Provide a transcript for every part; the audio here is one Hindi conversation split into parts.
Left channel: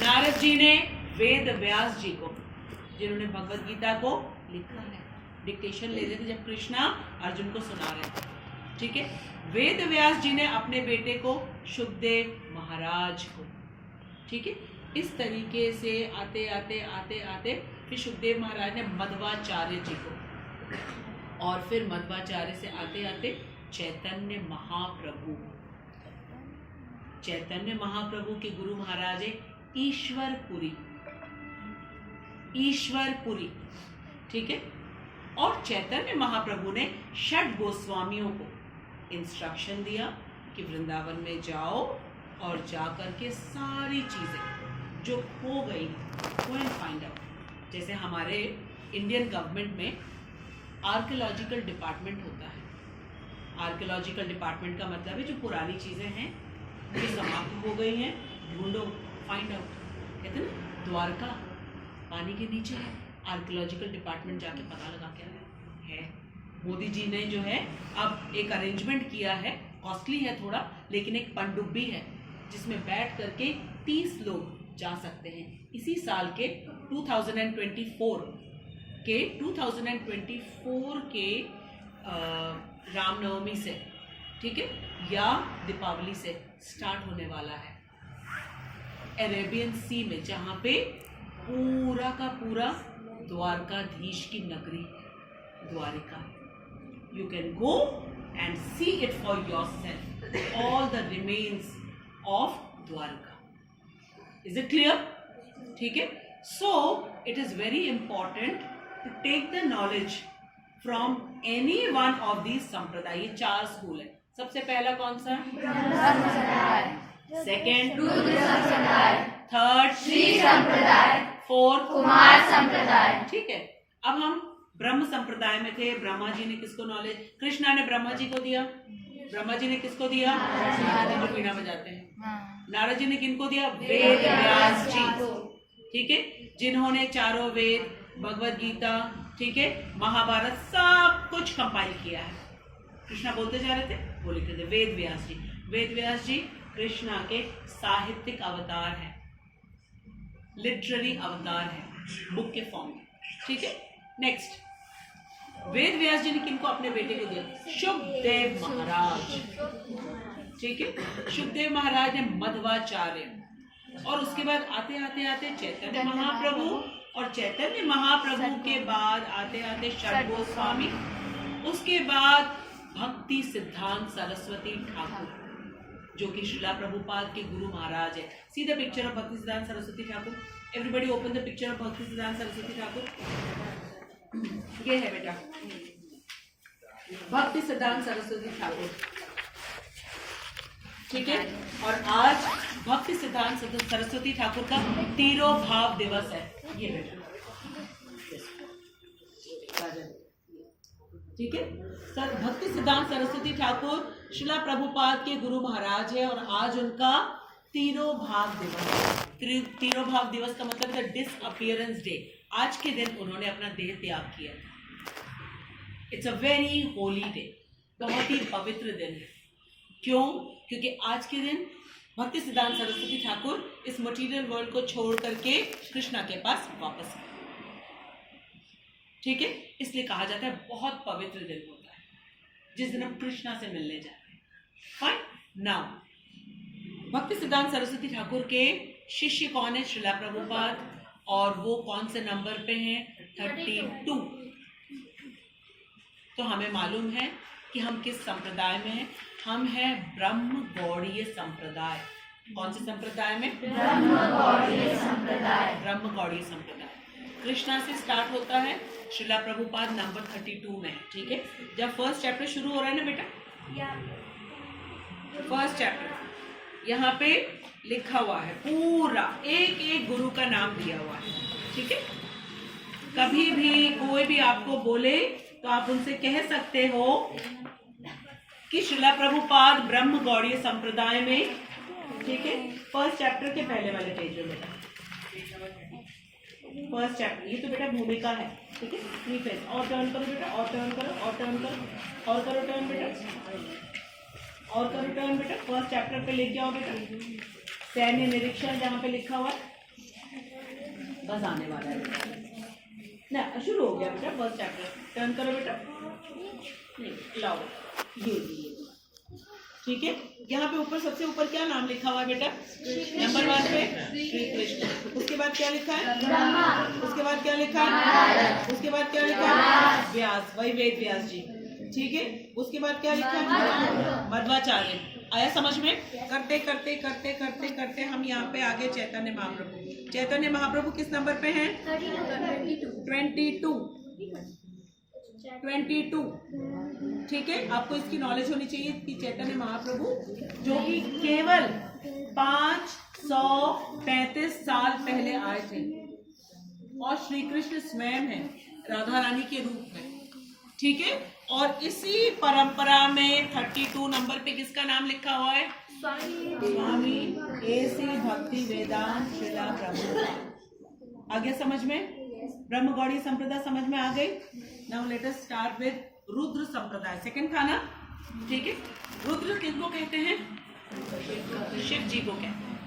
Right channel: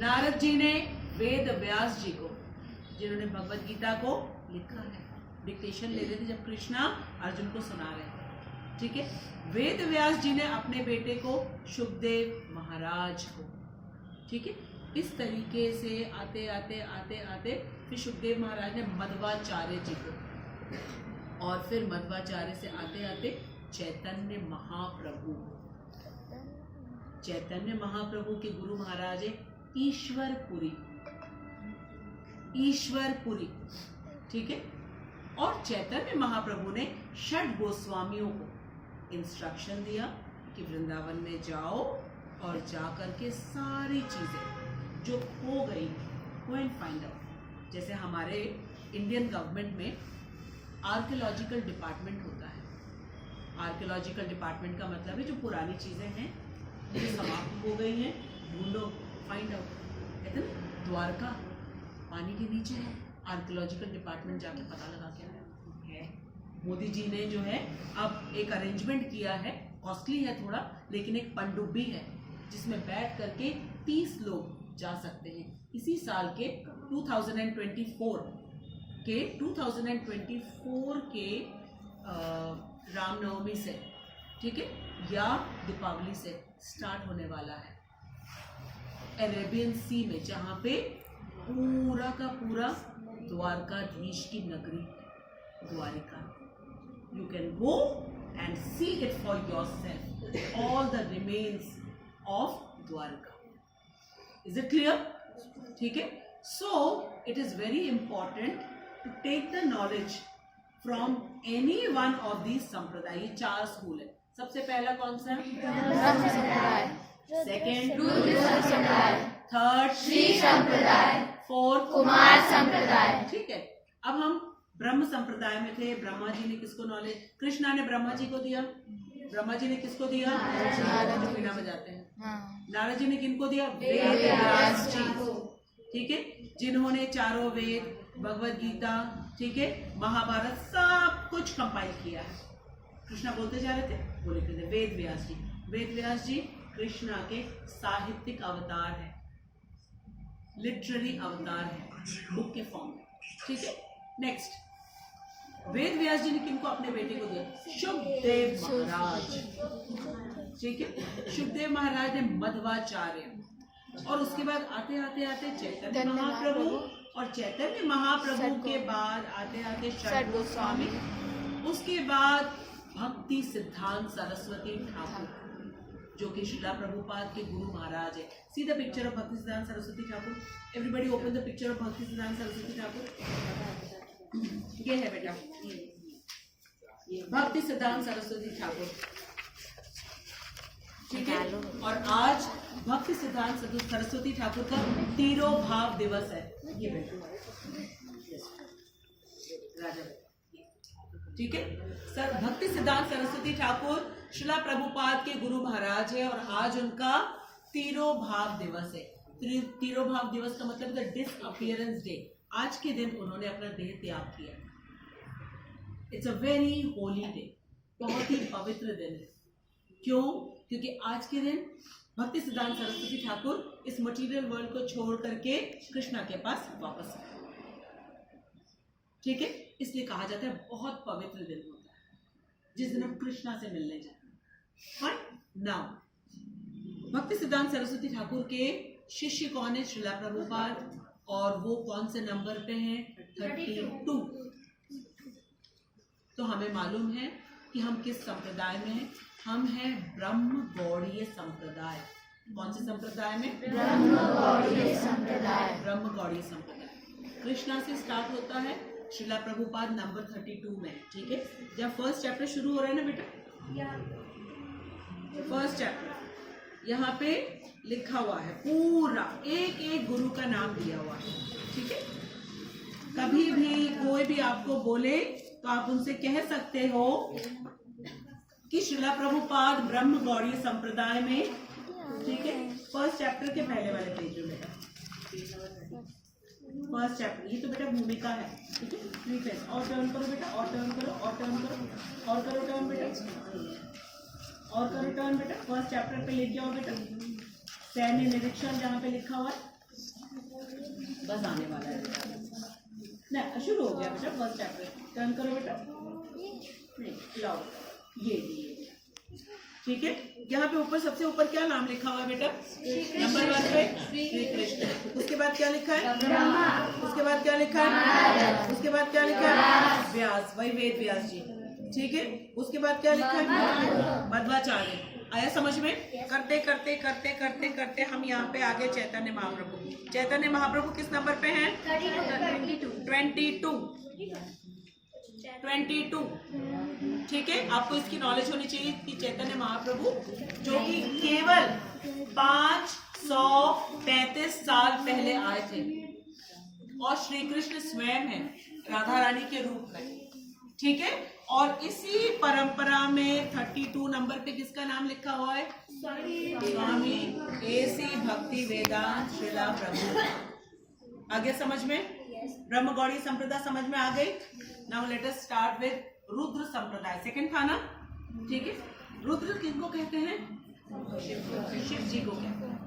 नारद जी ने वेद व्यास जी को, जिन्होंने भगवत गीता को लिखा है, डिक्टेशन ले रहे थे जब कृष्णा अर्जुन को सुना रहे थे, ठीक है। वेद व्यास जी ने अपने बेटे को शुकदेव महाराज को, ठीक है। इस तरीके से आते आते आते आते फिर शुकदेव महाराज ने मध्वाचार्य जी को, और फिर मध्वाचार्य से आते आते चैतन्य महाप्रभु। चैतन्य महाप्रभु के गुरु महाराज है ईश्वरपुरी, ईश्वरपुरी, ठीक है। और चैतन्य महाप्रभु ने षड गोस्वामियों को इंस्ट्रक्शन दिया कि वृंदावन में जाओ और जाकर के सारी चीजें जो खो गई गो एंड फाइंड आउट। जैसे हमारे इंडियन गवर्नमेंट में आर्कियोलॉजिकल डिपार्टमेंट होता है। आर्कियोलॉजिकल डिपार्टमेंट का मतलब है जो पुरानी चीजें हैं जो समाप्त हो गई हैं, ढूंढो, फाइंड आउट। कहते हैं ना, द्वारका पानी के नीचे है, आर्कियोलॉजिकल डिपार्टमेंट जाके पता लगा के आया है। मोदी जी ने जो है अब एक अरेंजमेंट किया है, कॉस्टली है थोड़ा, लेकिन एक पनडुब्बी है जिसमें बैठ करके 30 लोग जा सकते हैं। इसी साल के 2024 के रामनवमी से, ठीक है, या दीपावली से स्टार्ट होने वाला है। अरेबियन सी में, जहाँ पे पूरा का पूरा द्वारकाधीश की नगरी Dwarika, you can go and see it for yourself, all the remains of Dwarka. Is it clear? ठीक है। So it is very important to take the knowledge from any one of these sampradaya. ये 4 स्कूल है। सबसे पहला कौन सा? सेकेंड, थर्ड श्री संप्रदाय, फोर्थ कुमार संप्रदाय, ठीक है। अब हम ब्रह्म संप्रदाय में थे। ब्रह्मा जी ने किसको नॉलेज, कृष्णा ने ब्रह्मा जी को दिया। ब्रह्मा जी ने किसको दिया? जो वीणा बजाते हैं। नारद जी ने किनको दिया? वेद व्यास जी, ठीक है, जिन्होंने चारों वेद, भगवत गीता, ठीक है, महाभारत, सब कुछ कंपाइल किया है। कृष्णा बोलते जा रहे थे, बोले थे वेद व्यास जी। वेद व्यास जी कृष्णा के साहित्यिक अवतार है, लिटरेरी अवतार है, बुक के फॉर्म में, ठीक है। नेक्स्ट, वेद व्यास जी ने किनको अपने बेटे को दिया? शुकदेव महाराज, ठीक है। शुकदेव महाराज ने मध्वाचार्य, और उसके बाद आते आते आते चैतन्य महाप्रभु, और चैतन्य महाप्रभु के बाद आते आते षड गोस्वामी, उसके बाद भक्ति सिद्धांत सरस्वती ठाकुर, जो कि श्रीला प्रभुपाद के गुरु महाराज है। सी द पिक्चर ऑफ भक्ति सिद्धांत Saraswati Thakur. Everybody open the picture of भक्ति सिद्धांत सरस्वती ठाकुर। ये है बेटा भक्ति सिद्धांत सरस्वती ठाकुर, ठीक है। और आज भक्ति सिद्धांत सरस्वती ठाकुर का तिरोभाव दिवस है। ये बेटा, ठीक है। सर भक्ति सिद्धांत सरस्वती ठाकुर श्रीला प्रभुपाद के गुरु महाराज है, और आज उनका तिरोभाव दिवस है। तिरोभाव दिवस का मतलब है डिसअपियरेंस डे। आज के दिन उन्होंने अपना देह त्याग किया। It's a very Holi day, बहुत ही पवित्र दिन है। क्यों? क्योंकि आज के दिन भक्ति सिद्धांत सरस्वती ठाकुर इस मटेरियल वर्ल्ड को छोड़ करके कृष्णा के पास वापस आए, ठीक है। इसलिए कहा जाता है बहुत पवित्र दिन होता है जिस दिन हम कृष्णा से मिलने जा रहे हैं। फाइन। नाउ भक्ति सिद्धांत सरस्वती ठाकुर के शिष्य कौन है? श्रीला प्रभुपाद, और वो कौन से नंबर पे हैं? 32। तो हमें मालूम है कि हम किस संप्रदाय में हैं। हम हैं ब्रह्म गौड़ीय संप्रदाय। कौन से संप्रदाय में? ब्रह्म गौड़ीय संप्रदाय। ब्रह्म गौड़ीय संप्रदाय कृष्णा से स्टार्ट होता है, श्रीला प्रभुपाद नंबर 32 में, ठीक है। जब फर्स्ट चैप्टर शुरू हो रहा है ना बेटा, फर्स्ट चैप्टर यहाँ पे लिखा हुआ है, पूरा एक एक गुरु का नाम दिया हुआ है, ठीक है। कभी भी कोई भी आपको बोले तो आप उनसे कह सकते हो कि श्रीला प्रभुपाद ब्रह्म गौड़ीय संप्रदाय में, ठीक है। फर्स्ट चैप्टर के पहले वाले पेज में बेटा, फर्स्ट चैप्टर, ये तो बेटा भूमिका है, ठीक है। प्रीफेस, और टर्न करो बेटा, और टर्न करो, और टर्न करो, और करो टर्न बेटा, और करो टर्न बेटा। फर्स्ट चैप्टर पे लेके आओ बेटा, सैन्य निरीक्षण जहाँ पे लिखा हुआ है, बस आने वाला है ना, शुरू हो गया बेटा फर्स्ट चैप्टर। टर्न करो बेटा, नहीं लाओ ये ठीक है। यहाँ पे ऊपर सबसे ऊपर क्या नाम लिखा हुआ है बेटा? नंबर 1 पे श्री कृष्ण। उसके बाद क्या लिखा है? ब्रह्मा। उसके बाद क्या लिखा है? उसके बाद क्या लिखा है? व्यास, वही वेद व्यास जी, ठीक है। उसके बाद क्या लिखा है? मध्वाचार्य। आया समझ में? करते करते करते करते करते हम यहाँ पे आगे चैतन्य महाप्रभु। चैतन्य महाप्रभु किस नंबर पे हैं? 22, ठीक है। आपको इसकी नॉलेज होनी चाहिए कि चैतन्य महाप्रभु जो कि केवल 533 साल पहले आए थे और श्री कृष्ण स्वयं है राधा रानी के रूप में, ठीक है। और इसी परंपरा में 32 नंबर पे किसका नाम लिखा हुआ है? स्वामी एसी भक्ति वेदांत श्रीला प्रभु। आगे समझ में? ब्रह्म गौड़ी संप्रदाय समझ में आ गई। Now let us start with Rudra संप्रदाय। सेकंड था ना, ठीक है। रुद्र किसको कहते हैं? शिव जी को कहते हैं,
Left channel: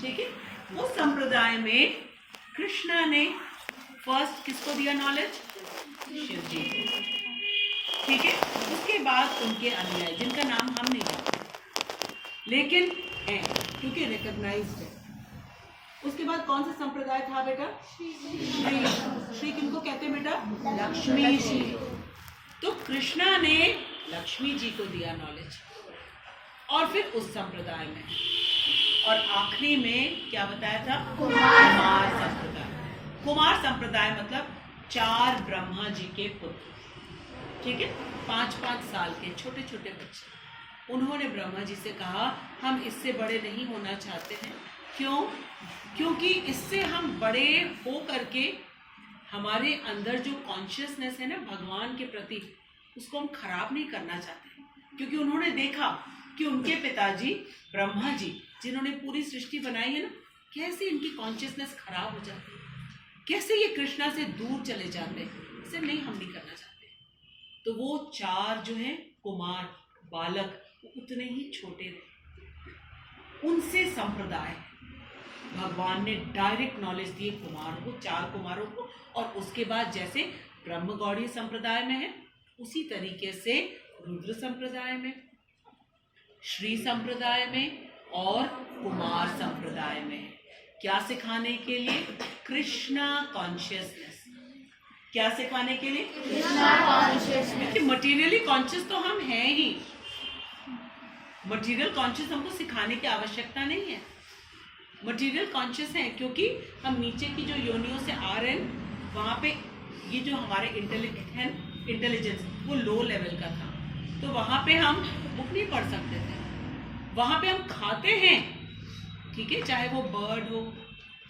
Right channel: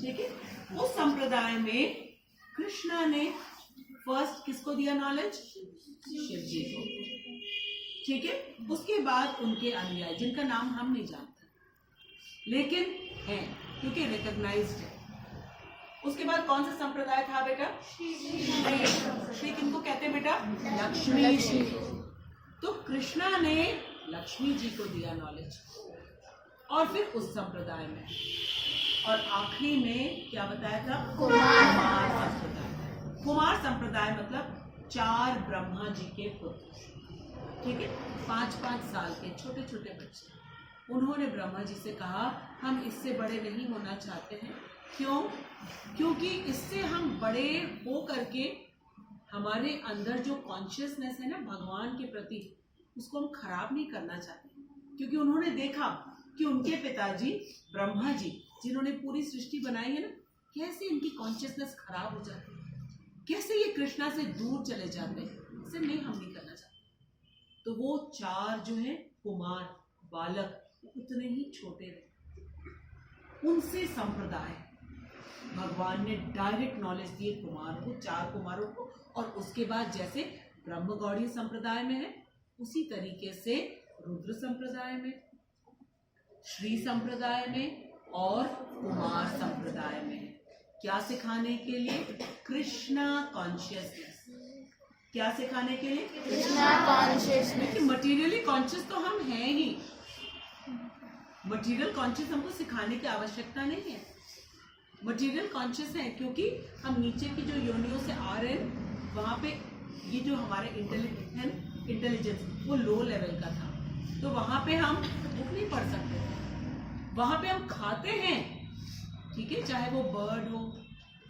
ठीक है। उस संप्रदाय में कृष्णा ने फर्स्ट किसको दिया नॉलेज? शिव जी को, ठीक है। उसके बाद उनके अनुयायी जिनका नाम हम नहीं जानते लेकिन है क्योंकि रिकॉग्नाइज्ड है। उसके बाद कौन सा संप्रदाय था बेटा? श्री किनको कहते हैं बेटा? लक्ष्मी जी। तो कृष्णा ने लक्ष्मी जी को दिया नॉलेज और फिर उस संप्रदाय में, और आखिरी में क्या बताया था? कुमार संप्रदाय। कुमार संप्रदाय मतलब 4 ब्रह्मा जी के पुत्र, ठीक है। 5-5 साल के छोटे छोटे बच्चे। उन्होंने ब्रह्मा जी से कहा हम इससे बड़े नहीं होना चाहते हैं। क्यों? क्योंकि इससे हम बड़े हो करके हमारे अंदर जो कॉन्शियसनेस है ना भगवान के प्रति, उसको हम खराब नहीं करना चाहते। क्योंकि उन्होंने देखा कि उनके पिताजी ब्रह्मा जी जिन्होंने पूरी सृष्टि बनाई है ना, कैसे इनकी कॉन्शियसनेस खराब हो जाती है, कैसे ये कृष्णा से दूर चले जाते हैं। इसे नहीं, हम नहीं करना चाहते। तो वो 4 जो है कुमार बालक उतने ही छोटे रहे, उनसे संप्रदाय भगवान ने डायरेक्ट नॉलेज दिए कुमार को, 4 कुमारों को। और उसके बाद जैसे ब्रह्म गौड़ी संप्रदाय में है उसी तरीके से रुद्र संप्रदाय में, श्री संप्रदाय में और कुमार संप्रदाय में। क्या सिखाने के लिए? कृष्णा कॉन्शियसनेस। क्या सिखाने के लिए? कृष्णा कॉन्शियसनेस। देखिए मटेरियली कॉन्शियस तो हम हैं ही, मटेरियल कॉन्शियस हमको सिखाने की आवश्यकता नहीं है। मटेरियल कॉन्शियस है क्योंकि हम नीचे की जो योनियों से आ रहे हैं वहाँ पे ये जो हमारे इंटेलिजेंस वो लो लेवल का था, तो वहाँ पे हम बुक नहीं पढ़ सकते थे। वहाँ पे हम खाते हैं, ठीक है, चाहे वो बर्ड हो,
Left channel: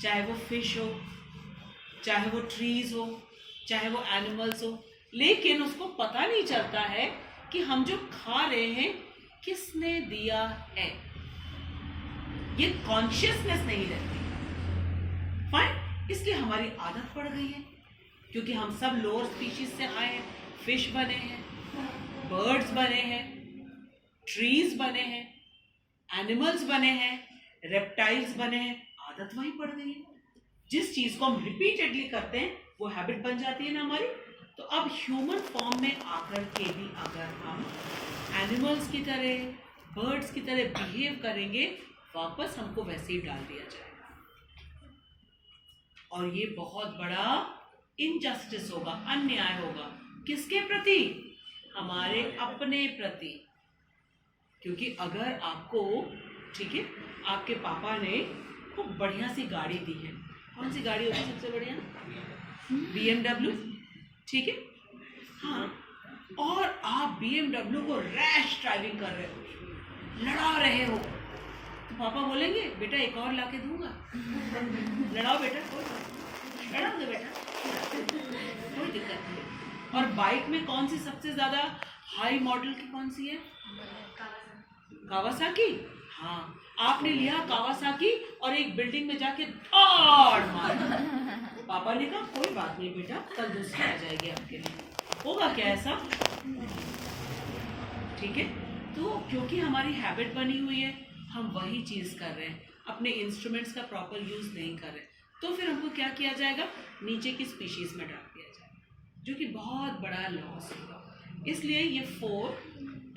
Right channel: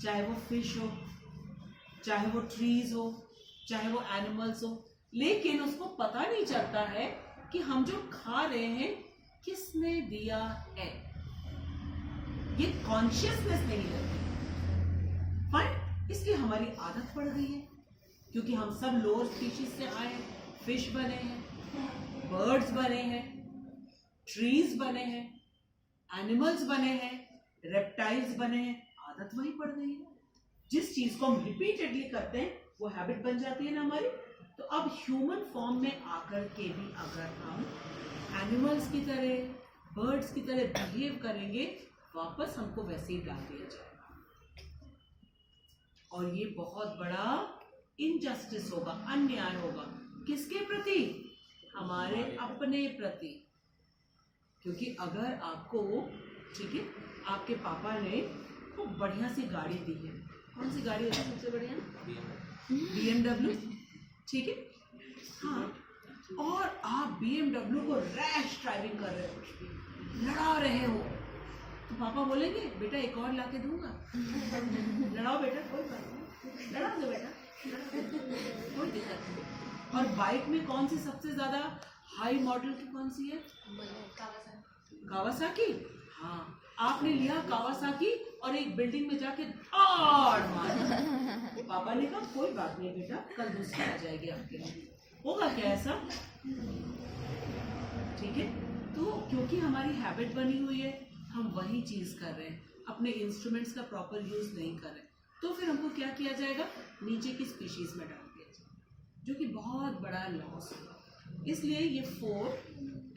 चाहे वो फिश हो, चाहे वो ट्रीज हो, चाहे वो एनिमल्स हो, लेकिन उसको पता नहीं चलता है कि हम जो खा रहे हैं किसने दिया है। ये कॉन्शियसनेस नहीं रहती। फाइन, इसलिए हमारी आदत पड़ गई है क्योंकि हम सब लोअर स्पीशीज से आए हैं। फिश बने हैं, बर्ड्स बने हैं, ट्रीज बने हैं, एनिमल्स बने हैं, रेप्टाइल्स बने हैं। आदत वही पड़ गई है। जिस चीज को हम रिपीटेडली करते हैं वो हैबिट बन जाती है ना हमारी। तो अब ह्यूमन फॉर्म में आकर के भी अगर हम एनिमल्स की तरह, बर्ड्स की तरह बिहेव करेंगे, वापस हमको वैसे ही डाल दिया जाएगा। और ये बहुत बड़ा इनजस्टिस होगा, अन्याय होगा। किसके प्रति? हमारे अपने प्रति। क्योंकि अगर आपको, ठीक है, आपके पापा ने खूब बढ़िया सी गाड़ी दी है, कौन सी गाड़ी होती है सबसे बढ़िया? BMW, ठीक है, हाँ, और आप BMW को रैश ड्राइविंग कर रहे हो, लड़ा रहे हो, तो पापा बोलेंगे बेटा एक और लाके दूंगा, लड़ाओ बेटा, लड़ा दो बेटा, कोई दिक्कत नहीं। और बाइक में कौन सी सबसे ज्यादा हाई मॉडल की कौन सी है? कावासाकी। हाँ, आपने लिया कावासाकी और एक बिल्डिंग में जाके धाड़ मार। पापा ने कहा कोई बात नहीं बेटा, कल दूसरी आ जाएगी आपके लिए। होगा क्या ऐसा? ठीक है। तो क्योंकि हमारी हैबिट बनी हुई है, हम वही चीज कर रहे हैं, अपने इंस्ट्रूमेंट्स का प्रॉपर यूज नहीं कर रहे। तो फिर हमको क्या किया जाएगा, नीचे की स्पीशीज में डाल दिया जाएगा, जो कि बहुत बड़ा लॉस होगा। इसलिए ये 4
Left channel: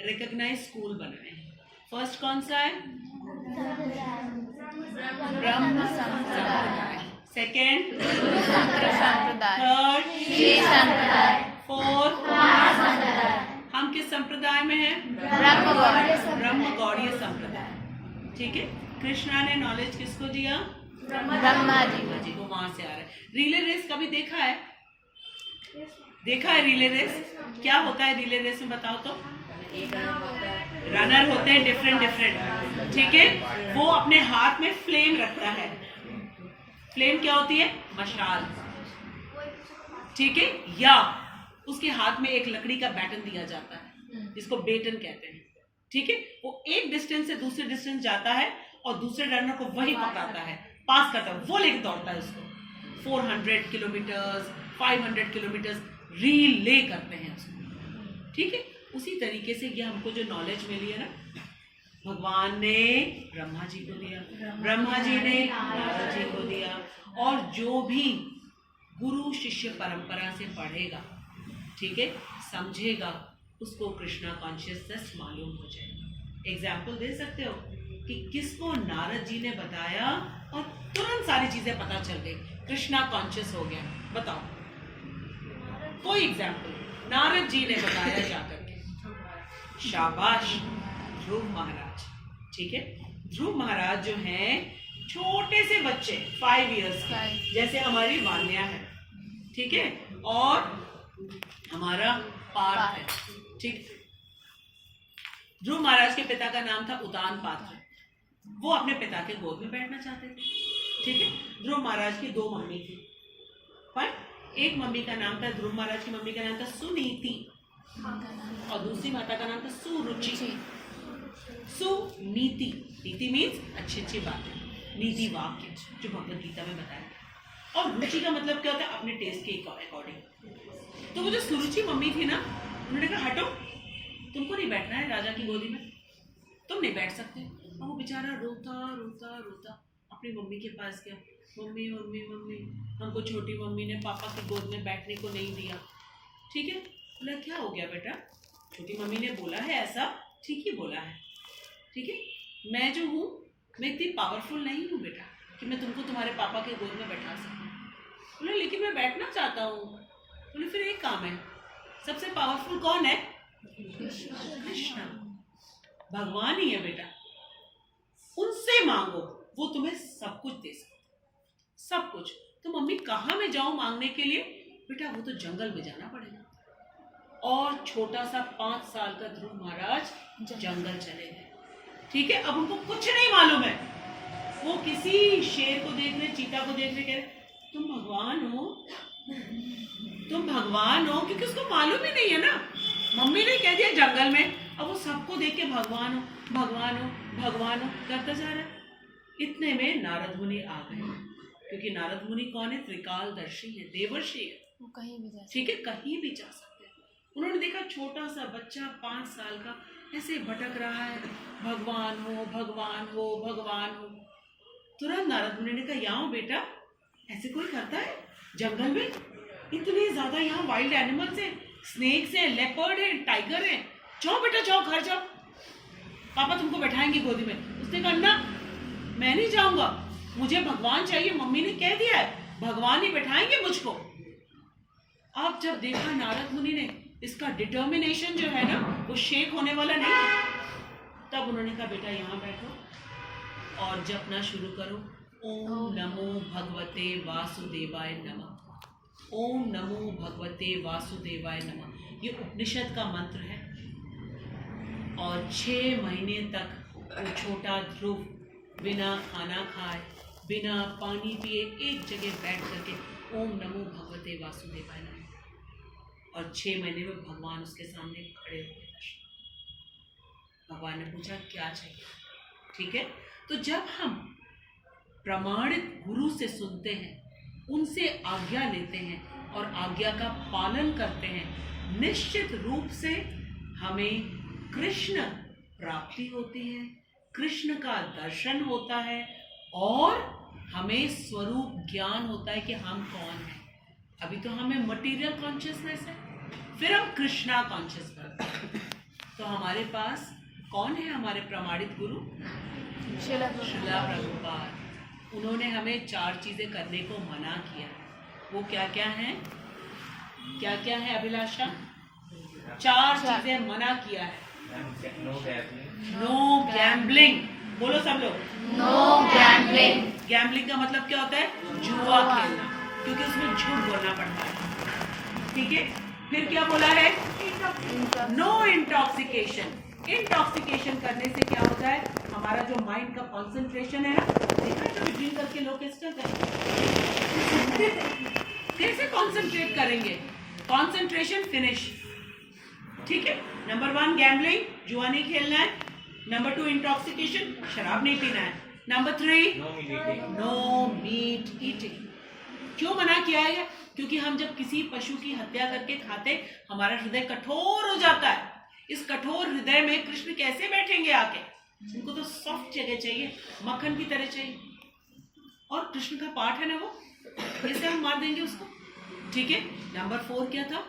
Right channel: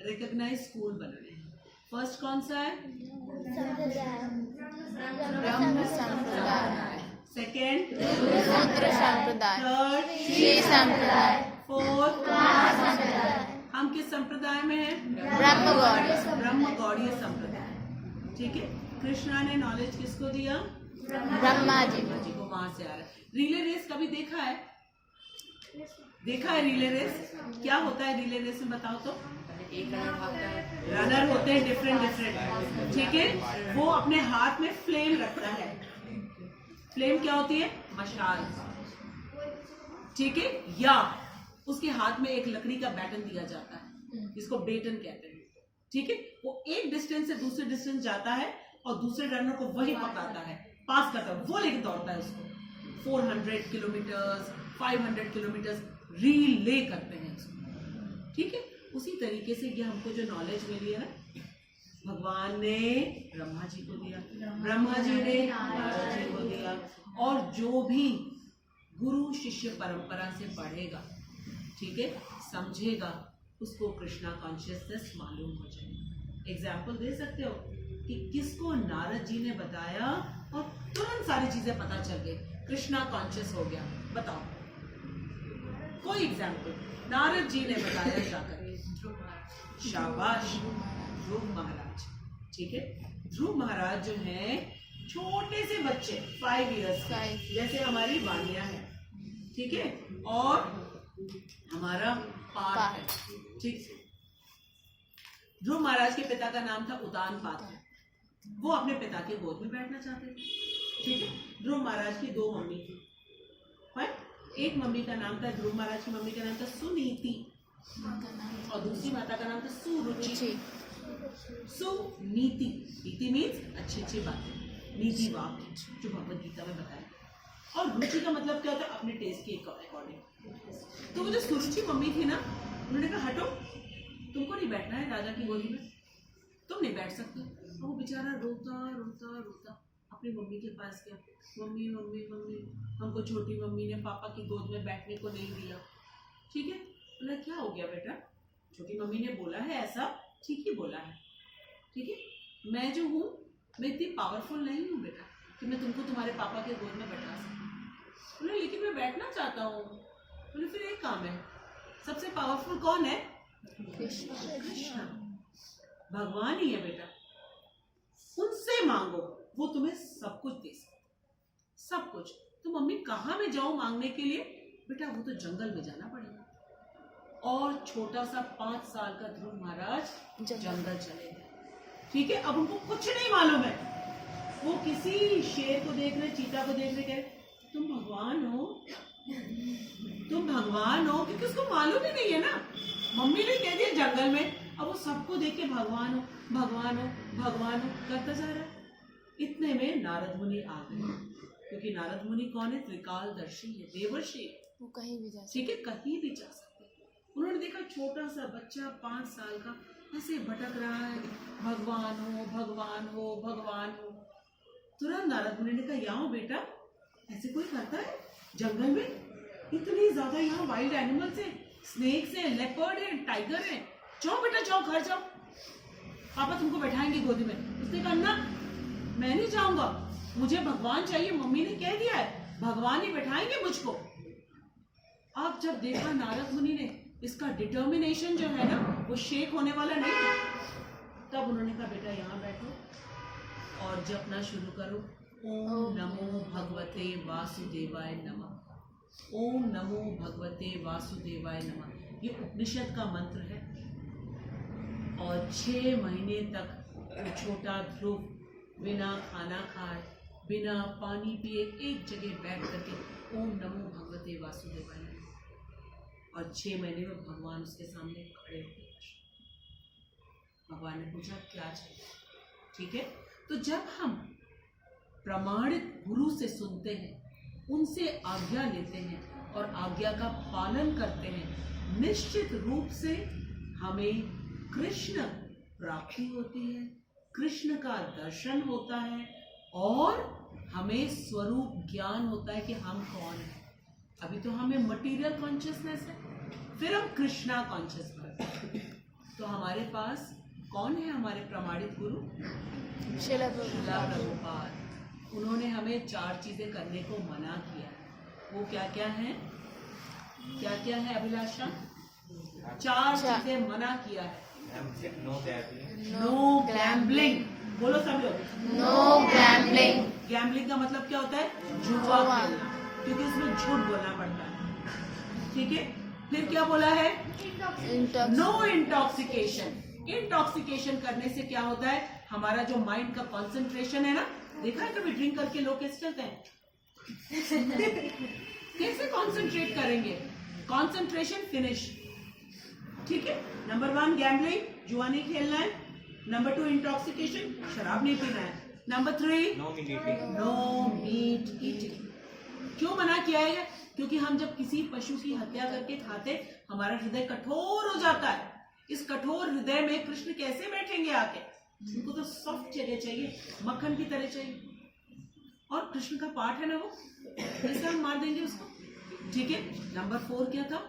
रिकॉग्नाइज स्कूल बनाए हैं। फर्स्ट कौन सा है, ब्रह्म संप्रदाय, सेकेंड थर्ड श्री संप्रदाय, फोर्थ कुमार संप्रदाय, हम किस संप्रदाय में हैं, ब्रह्म गौड़ीय संप्रदाय। ठीक है, कृष्णा ने नॉलेज किसको दिया, ब्रह्मा जी को, वहां से आ रहा है। रिले रेस कभी देखा है, देखा है रिले रेस, क्या होता है रिले रेस में बताओ तो, रनर होते हैं डिफरेंट, ठीक है, वो अपने हाथ में फ्लेम रखता है, फ्लेम क्या होती है, मशाल, ठीक है, या उसके हाथ में एक लकड़ी का बैटन दिया जाता है जिसको बेटन कहते हैं, ठीक है, वो एक डिस्टेंस से दूसरे डिस्टेंस जाता है और दूसरे रनर को वही पकड़ाता है, पास करता है, वो लेके दौड़ता है उसको, 400 किलोमीटर 500 किलोमीटर रीले करते हैं उसको, ठीक है। उसी तरीके से ये हमको जो नॉलेज मिली है ना, भगवान ने ब्रह्मा जी को दिया, ब्रह्मा जी ने नारद जी को दिया, और जो भी गुरु शिष्य परंपरा से पढ़ेगा, ठीक है, समझेगा, उसको कृष्णा कॉन्शियसनेस मालूम हो जाएगा। एग्जाम्पल दे सकते हो कि किसको नारद जी ने बताया और तुरंत सारी चीजें पता चल गई, कृष्णा कॉन्शियस हो गया, बताओ कोई एग्जाम्पल, नारद जी ने बताया जाकर के, शाबाश ध्रुव महाराज, ठीक है, ध्रुव महाराज जो हैं छोटे से बच्चे 5 इयर्स के, जैसे हमारी वान्या है, ठीक है, और हमारा पार्थ है, ठीक। ध्रुव महाराज के पिता का नाम था उतान पात्र, वो अपने पिता के गोद में बैठना चाहते थे, ठीक है। ध्रुव महाराज की 2 मम्मी थी, एक मम्मी का नाम था, ध्रुव महाराज की मम्मी का नाम था सुनीति, और दूसरी माता का नाम था सुरुचि। सुनीति, नीति मीन्स अच्छी अच्छी बातें, नीति वाक्य जो भगवत गीता में बताया, और रुचि का मतलब क्या होता है, अपने टेस्ट के अकॉर्डिंग। तो वो जो सुरुचि मम्मी थी ना, उन्होंने कहा हटो, तुमको नहीं बैठना है राजा की गोदी में, तुम नहीं बैठ सकते। और वो बेचारा रोता रोता रोता अपनी मम्मी के पास गया, मम्मी मम्मी मम्मी, हमको छोटी मम्मी ने पापा की गोद में बैठने को नहीं दिया, ठीक है। बोला क्या हो गया बेटा, छोटी मम्मी ने बोला है ऐसा, ठीक ही बोला है, ठीक है, मैं जो हूँ मैं इतनी पावरफुल नहीं हूँ बेटा कि मैं तुमको तुम्हारे पापा के गोद में बैठा सकूँ। बोले लेकिन मैं बैठना चाहता हूँ। बोले फिर एक काम है, सबसे पावरफुल कौन है, कृष्णा, भगवान ही है बेटा, उनसे मांगो, वो तुम्हें सब कुछ दे सकते, सब कुछ। तो मम्मी कहाँ में जाऊं मांगने के लिए, बेटा वो तो जंगल में जाना पड़ेगा। और छोटा सा 5 साल का ध्रुव महाराज जंगल चले गए, ठीक है। अब उनको कुछ नहीं मालूम है, वो किसी शेर को देख रहे, चीता को देख रहे, कह रहे तुम भगवान हो, तुम भगवान हो, क्योंकि उसको मालूम ही नहीं है ना, मम्मी ने कह दिया जंगल में। अब वो सबको देख के भगवान हो भगवान हो भगवान हो करता जा रहा है। इतने में नारद मुनि आ गए, क्योंकि नारद मुनि कौन है, त्रिकालदर्शी है, देवर्षि है, वो कहीं भी जा सकते, ठीक है, कहीं भी जा सकते हैं। उन्होंने देखा छोटा सा बच्चा 5 साल का ऐसे भटक रहा है, भगवान हो भगवान हो भगवान हो। तुरंत नारद मुनि ने कहा यहाँ बेटा, ऐसे कोई करता है जंगल में, इतने ज्यादा यहाँ वाइल्ड एनिमल्स है, स्नेक्स है, लेपर्ड है, टाइगर है, जाओ बेटा जाओ, घर जाओ, पापा तुमको बैठाएंगे गोदी में। उसने कहा ना, मैं नहीं जाऊंगा, मुझे भगवान चाहिए, मम्मी ने कह दिया है भगवान ही बैठाएंगे मुझको। अब जब देखा नारद मुनि ने इसका डिटर्मिनेशन जो है ना वो शेक होने वाला नहीं, तब उन्होंने कहा बेटा यहाँ बैठो और जपना शुरू करो, ओम नमो भगवते वासुदेवाय नमः, ओम नमो भगवते वासुदेवाय नमः। ये उपनिषद का मंत्र है। और 6 महीने तक वो छोटा ध्रुव बिना खाना खाए, बिना पानी पिए एक जगह बैठ करके ओम नमो भगवते वासुदेवाय नमः, और 6 महीने में भगवान उसके सामने खड़े हो गए। भगवान ने पूछा क्या चाहिए, ठीक है। तो जब हम प्रमाणित गुरु से सुनते हैं, उनसे आज्ञा लेते हैं और आज्ञा का पालन करते हैं, निश्चित रूप से हमें कृष्ण प्राप्ति होती है, कृष्ण का दर्शन होता है और हमें स्वरूप ज्ञान होता है कि हम कौन हैं। अभी तो हमें मटेरियल कॉन्शियसनेस है, फिर हम कृष्णा कॉन्शियस बनते हैं। तो हमारे पास कौन है? हमारे प्रमाणित गुरु शिला श्रीला प्रभुपाद। उन्होंने हमें 4 चीजें करने को मना किया। वो क्या क्या है? क्या क्या है अभिलाषा? 4 चीजें मना किया है। No gambling. बोलो सब लोग। No gambling. गैम्बलिंग का मतलब क्या होता है? जुआ खेलना, क्योंकि उसमें झूठ बोलना पड़ता है। ठीक है। फिर क्या बोला है? No intoxication. इंटॉक्सिकेशन करने से क्या होता है? हमारा जो माइंड का कंसंट्रेशन है ना, देखा कभी ड्रिंक करके लोग कैसे चलते हैं? कैसे कंसंट्रेट करेंगे? Concentration finish. ठीक है। नंबर 1 गैम्बलिंग, जुआ नहीं खेलना है। नंबर 2 इंटॉक्सिकेशन, शराब नहीं पीना है। Number 3 no meat eating. क्यों मना किया है? क्योंकि हम जब किसी पशु की हत्या करके खाते, हमारा हृदय कठोर हो जाता है। इस कठोर हृदय में कृष्ण कैसे बैठेंगे आके? उनको तो सॉफ्ट जगह चाहिए, मक्खन की तरह चाहिए। और कृष्ण का पाठ है ना वो, इससे हम मार देंगे उसको। ठीक है। नंबर 4 क्या था?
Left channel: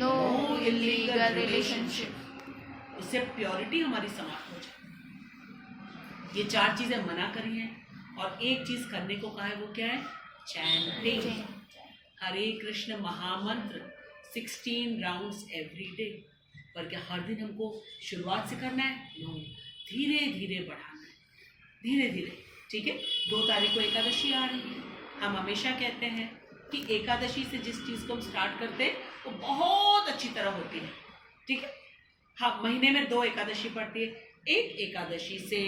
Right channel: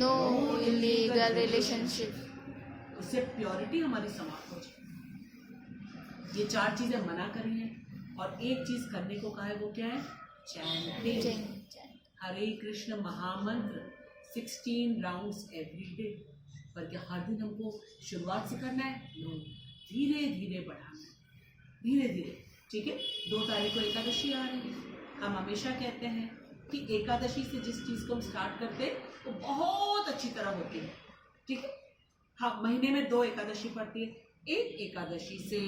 No illegal relationship. उससे प्योरिटी हमारी समाप्त हो जाए। ये 4 चीजें मना करी हैं और एक चीज करने को कहा है। वो क्या है? चैंटिंग। हरे कृष्ण महामंत्र 16 राउंड्स एवरी डे। पर क्या हर दिन हमको शुरुआत से करना है? नो, धीरे धीरे बढ़ाना है, धीरे धीरे। ठीक है। 2 तारीख को एकादशी आ रही है। हम हमेशा कहते हैं कि एकादशी से जिस चीज को हम स्टार्ट करते हैं वो बहुत अच्छी तरह होती है। ठीक है। हाँ, महीने में 2 एकादशी पड़ती है। एक एकादशी से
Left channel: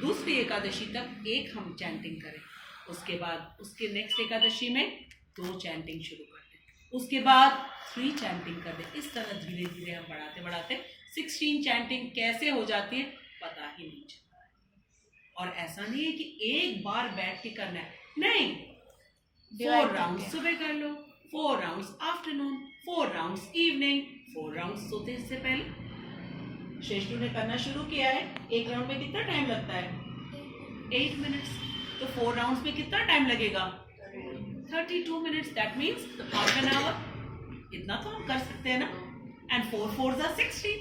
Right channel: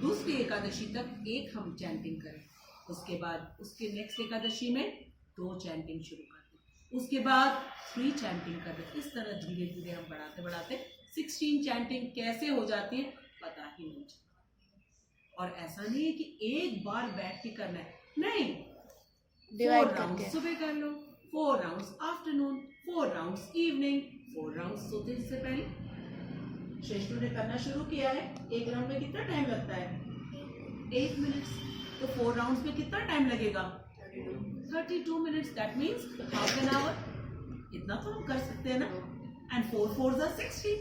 दूसरी एकादशी तक एक हम चैंटिंग करें, उसके बाद उसके नेक्स्ट एकादशी में 2 चैंटिंग शुरू कर दें, उसके बाद 3 चैंटिंग कर दें। इस तरह धीरे धीरे हम बढ़ाते बढ़ाते 16 चैंटिंग कैसे हो जाती है पता ही नहीं चलता है। और ऐसा नहीं है कि एक बार बैठ के करना है, नहीं। 4 राउंड सुबह कर लो, 4 rounds afternoon, 4 rounds evening, 4 rounds सोते से पहले। शेषनु ने करना शुरू किया है। एक राउंड में कितना टाइम लगता है? 8 मिनट्स। तो 4 राउंड्स में कितना टाइम लगेगा? 32 minutes. That means half an hour. इतना तो हम कर सकते हैं ना। एंड 4 4s are 60,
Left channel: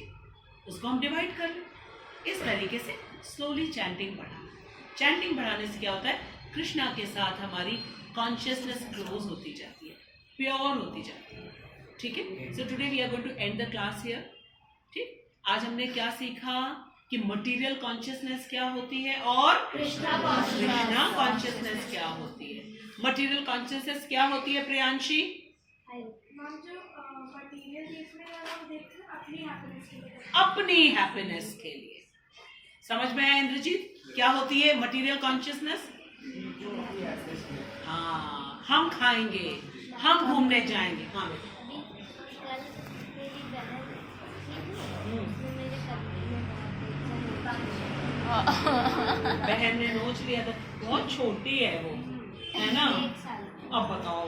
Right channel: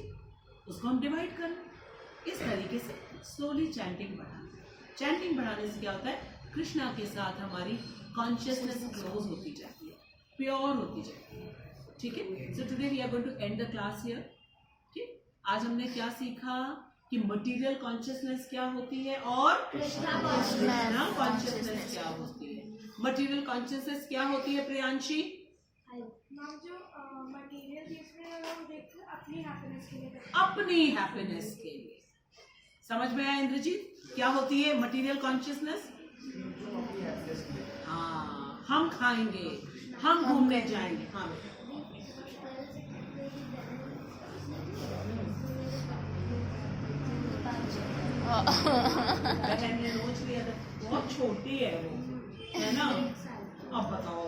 उसको हम डिवाइड कर लो। इस तरीके से स्लोली चैंटिंग बढ़ाना। चैंटिंग बढ़ाने से क्या होता है? कृष्णा के साथ हमारी कॉन्शियसनेस क्लोज होती जाती है, प्योर होती जाती है। ठीक है। So today we are going to end the class here. ठीक। आज हमने क्या सीखा कि मटेरियल कॉन्शियसनेस क्या होती है और कृष्णा कॉन्शियसनेस क्या होती है। मटेरियल कॉन्शियसनेस क्या होती है प्रियांशी? अपनी हैप्पीनेस के लिए। समझ में आया इंद्रजीत? क्या होती है मटेरियल कॉन्शियसनेस? हाँ, हम खाएंगे, हम घूमने जाएंगे। हाँ बहन ने नोच लिया था, बहुत छोटी है वो, है ना। अब बताओ,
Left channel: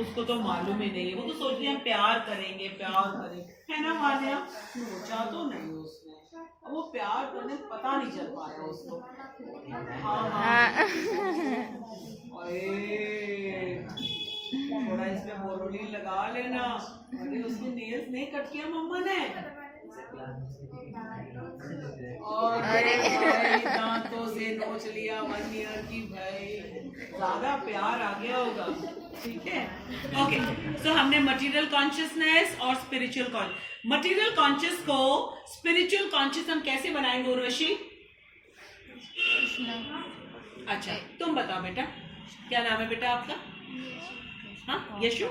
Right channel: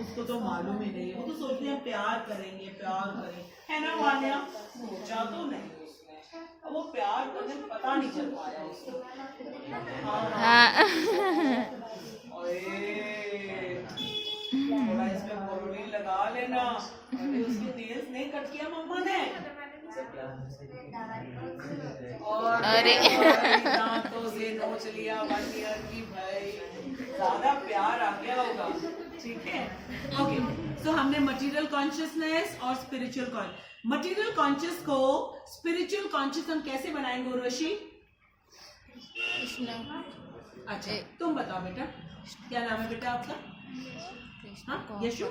उसको तो मालूम ही नहीं है। वो तो सोच रही है प्यार करेंगे, प्यार करेंगे, है ना वालिया। सोचा तो नहीं उसने, वो प्यार करने पता नहीं चल पाया उसको। थोड़ा इसमें बोरोलिन लगा लेना। अरे उसके नेल्स नहीं कट किया मम्मा ने। और दांतों से नोच लिया 1 ईयर की। भाई ज्यादा प्यार आ गया होगा। ठीक है। ओके। सो हमने मटेरियल कॉन्शियसनेस और स्पिरिचुअल कॉन्शियस। मटेरियल कॉन्शियस को स्पिरिचुअल कॉन्शियस हम कैसे बनाएंगे उर्वशी? अच्छा, तुम बताओ बेटा, क्या नाम है बेटा आपका? हाँ, यशु।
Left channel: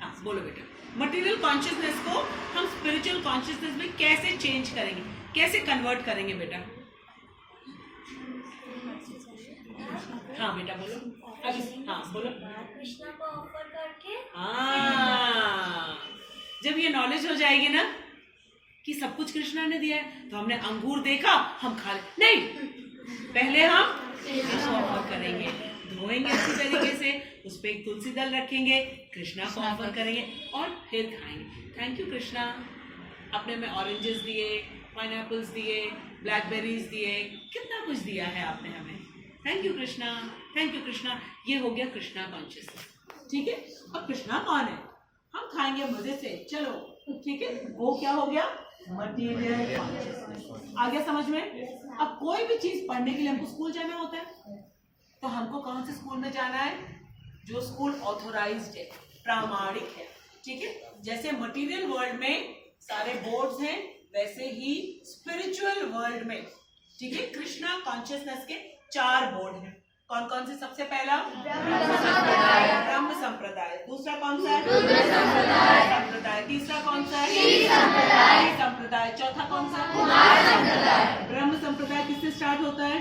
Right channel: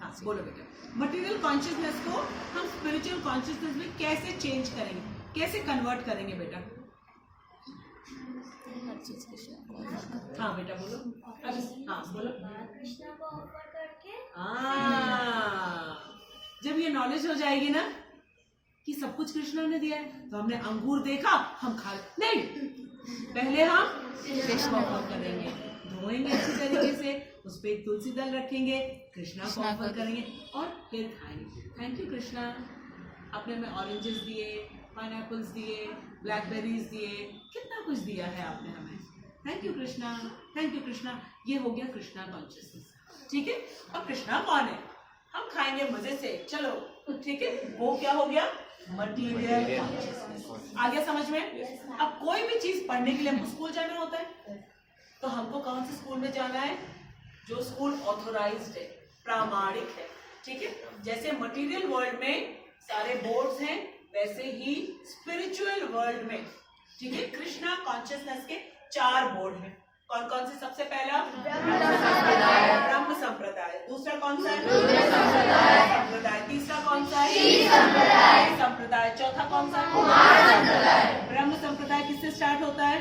हाँ, बोलो बेटा। मटेरियल कॉन्शियसनेस को हम स्पिरिचुअल कॉन्शियसनेस में कैसे चेंज करेंगे, कैसे कन्वर्ट करेंगे बेटा? हाँ बेटा बोलो अभी। हाँ बोलो। कृष्णा को ऑफर करके। हाँ, जब ये नॉलेज हो जाएगी ना कि सब कुछ कृष्णा ने दिया है, तो हमने अंगूर देखा हम खा ले, नहीं, पहले हम कृष्णा ऑफर करेंगे, धोएंगे अच्छी तरीके से, उस पे एक तुलसी दल रखेंगे, कृष्णा को ऑफर करेंगे और फिर खाएंगे। थैंक यू कृष्णा, आपने हमें ऑरेंजेस दिए, पाइनएप्पल्स दिए, ब्लैकबेरीज दिए, कितना कुछ दिया है आपने हमें। Thank you Krishna, thank you Krishna. ये हो गया कृष्णा कॉन्शियसनेस, ठीक है। अब कृष्णा कौन है? हम खाएंगे मजे से, चलो, ठीक है। वो क्या हो गया? Material consciousness. आ गया समझ में? अब कोई भी चीज पढ़ने के लिए हमको स्कूल जाना होता है, तो हमको कौन से स्कूल में जाना है? जो स्कूल ऑथोराइज्ड है, प्रामाणिक है, ठीक है। जैसे मटेरियल वर्ल्ड में सारे बोर्ड्स हैं, वैसे ही स्पिरिचुअल वर्ल्ड में, ठीक है, कृष्णा कॉन्शियसनेस के 4 बोर्ड हैं। कौन कौन से? सबसे पहला ब्रह्म संप्रदाय, दूसरा कौन सा है? रुद्र संप्रदाय, तीसरा कौन सा है? श्री संप्रदाय, चौथा कौन सा है? कुमार संप्रदाय। ब्रह्म संप्रदाय किससे स्टार्ट होता है?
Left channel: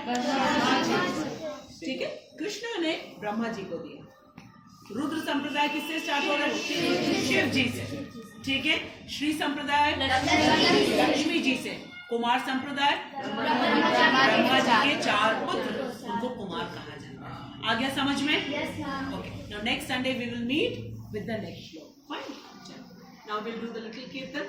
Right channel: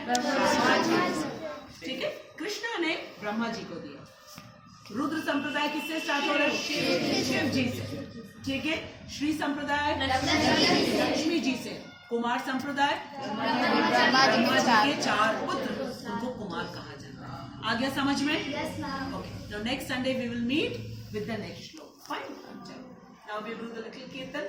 ठीक है, कृष्णा ने ब्रह्मा जी को दिया। रुद्र संप्रदाय किससे स्टार्ट हो रहा है? शिव जी से, ठीक है। श्री संप्रदाय लक्ष्मी जी से। कुमार संप्रदाय ब्रह्मा जी के 4 पुत्र, उनको कुमार कहा जाता है। आ गया समझ में? Okay, now next Sunday we will meet with the next shloka. Fine, now we will do the little कीर्तन।